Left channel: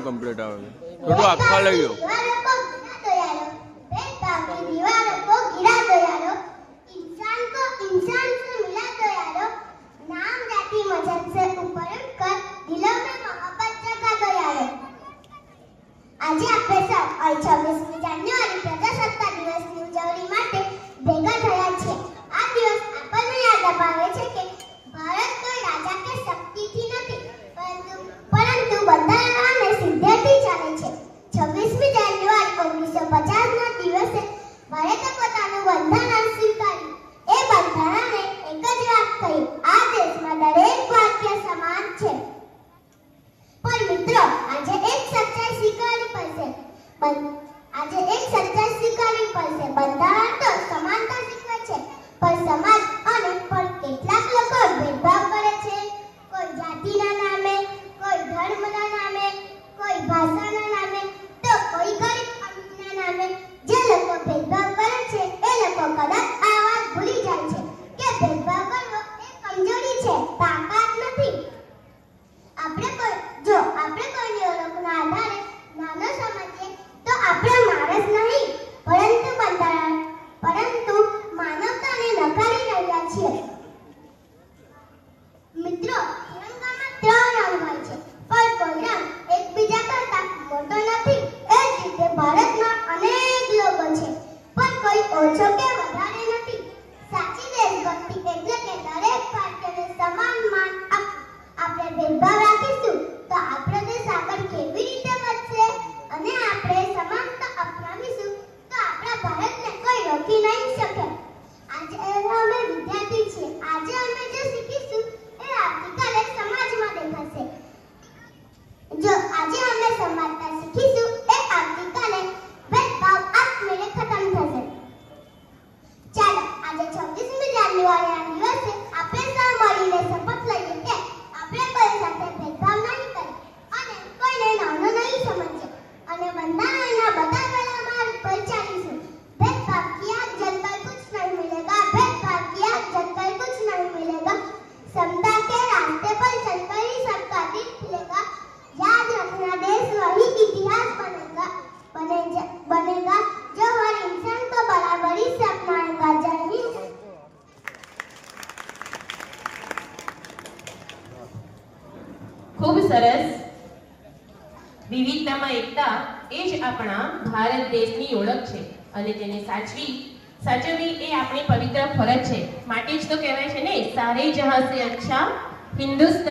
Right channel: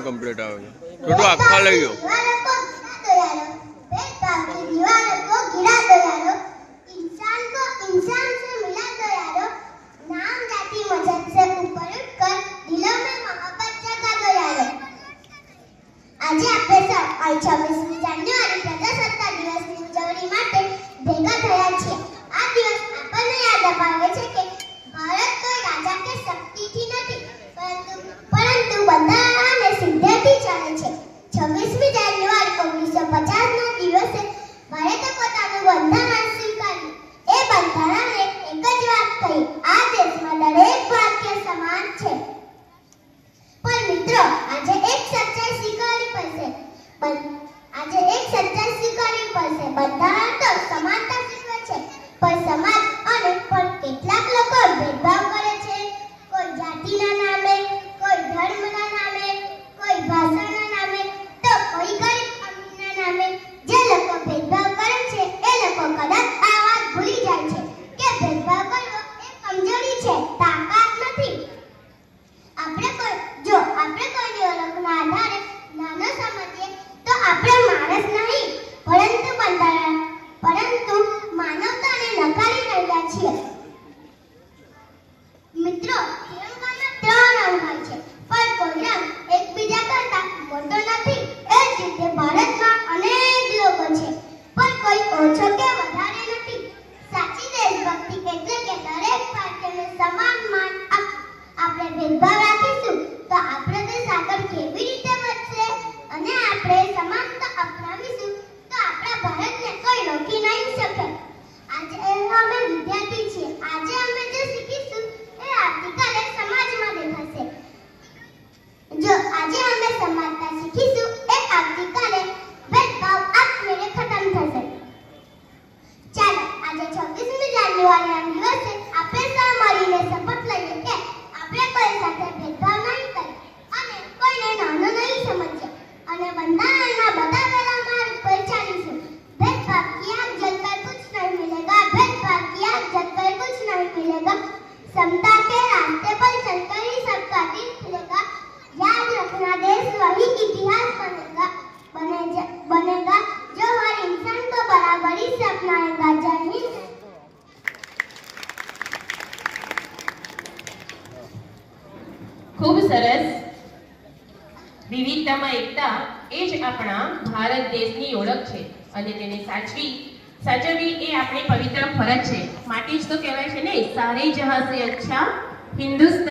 નું કમ્પ્લીટ આવે છે. થોડું આખા લઈ લો. આજે આપણે સૌ 26મી જાન્યુઆરી પ્રજાસત્તાક દિવસની ઉજવણી માટે ભેગા થયા છીએ. આ દિવસ આપણને યાદ અપાવે છે કે ભારત કોઈ રાજા કે શક્તિથી નથી, પરંતુ બંધારણ અને સિદ્ધાંતથી ચાલે છે. 26મી જાન્યુઆરી 1950ના દિવસે ભારતે પોતાનું બંધારણ સ્વીકાર્યું. એ બંધારણને એક જ વાત કહી, આ દેશમાં દરેક ભારતીય સમાન છે. પણ મિત્રો, આજે એક સચ્ચાઈ સ્વીકારવી પડશે. બંધારણ તો સમાનતા શીખવે છે, પણ સમાજ અને પણ કેટલાક લોકો ભેદભાવ કરે છે. કોઈ જાતિના નામે, કોઈ ધર્મના નામે, કોઈ ભાષાના નામે, તો કોઈ ગરીબ અમીરના નામે. જે લોકો ભેદભાવ કરે છે એ લોકો કદાચ આ વાત ભૂલી જાય છે કે ભેદભાવ કરવો એ કમજોરી છે, તાકાત નથી. આપણે કોઈની ઓળખના આધારે નાનો સમજીએ તો આપણે માણસ નહીં, પરંતુ માનવતાને નકારી રહ્યા છીએ. મિત્રો, તિરંગામાં 3 રંગ હોય છે, પણ કોઈ રંગ એકબીજા કરતા મોટો નથી. એ જ રીતે ભારતમાં અનેક લોકો છે, પણ કોઈ ઓછો કે વધારે નથી. સાચી દેશભક્તિ એટલે કે દરેક ભારતીયને સમાન માન આપણે ભેદભાવ રાખીશું તો આપણો દેશ આગળ કેવી રીતે વધશે? અને આપણે સમાનતા અપનાવીશું તો આપણા ભારતને કોઈ રોકી નહીં શકે. આજે અમે વિદ્યાર્થી છીએ. આજે અમે જે શીખીશું એ આવતીકાલે સમાજમાં દેખાશે. જો આજે અમે સમાનતા શીખીશું એ આવતીકાલે ભેદભાવ આપમેળે ખતમ થશે. ચાલો આજે 26મી જાન્યુઆરીના દિવસે આપણે સૌ મળીને શપથ લઈએ કે આપણે કોઈ સાથે ભેદભાવ નહીં કરીએ અને કોઈને નાનો નહીં સમજીએ અને બંધારણના બતાવેલા માર્ગ પર ચાલીશું. भेदभाव की आग जलकर कुछ नहीं मिलेगा, भेदभाव की आग जलकर कुछ नहीं मिलेगा, समता के रास्ते पर चलकर ही सबका दिल खिलेगा. याद रखना देश वही इतिहास बनेगा जो हर इंसान को बराबरी से अपनाएगा. जय हिंद. ખૂબ સરસ. વિવિધતામાં એકતા એ જ આપણા ભારત દેશની ઓળખ છે અને તેને સાચવવી એ આપણી પવિત્ર ફરજ છે. માટે જ તો કહેવાય છે ને, સારે જહાં સે અચ્છા હિન્દુસ્તાન.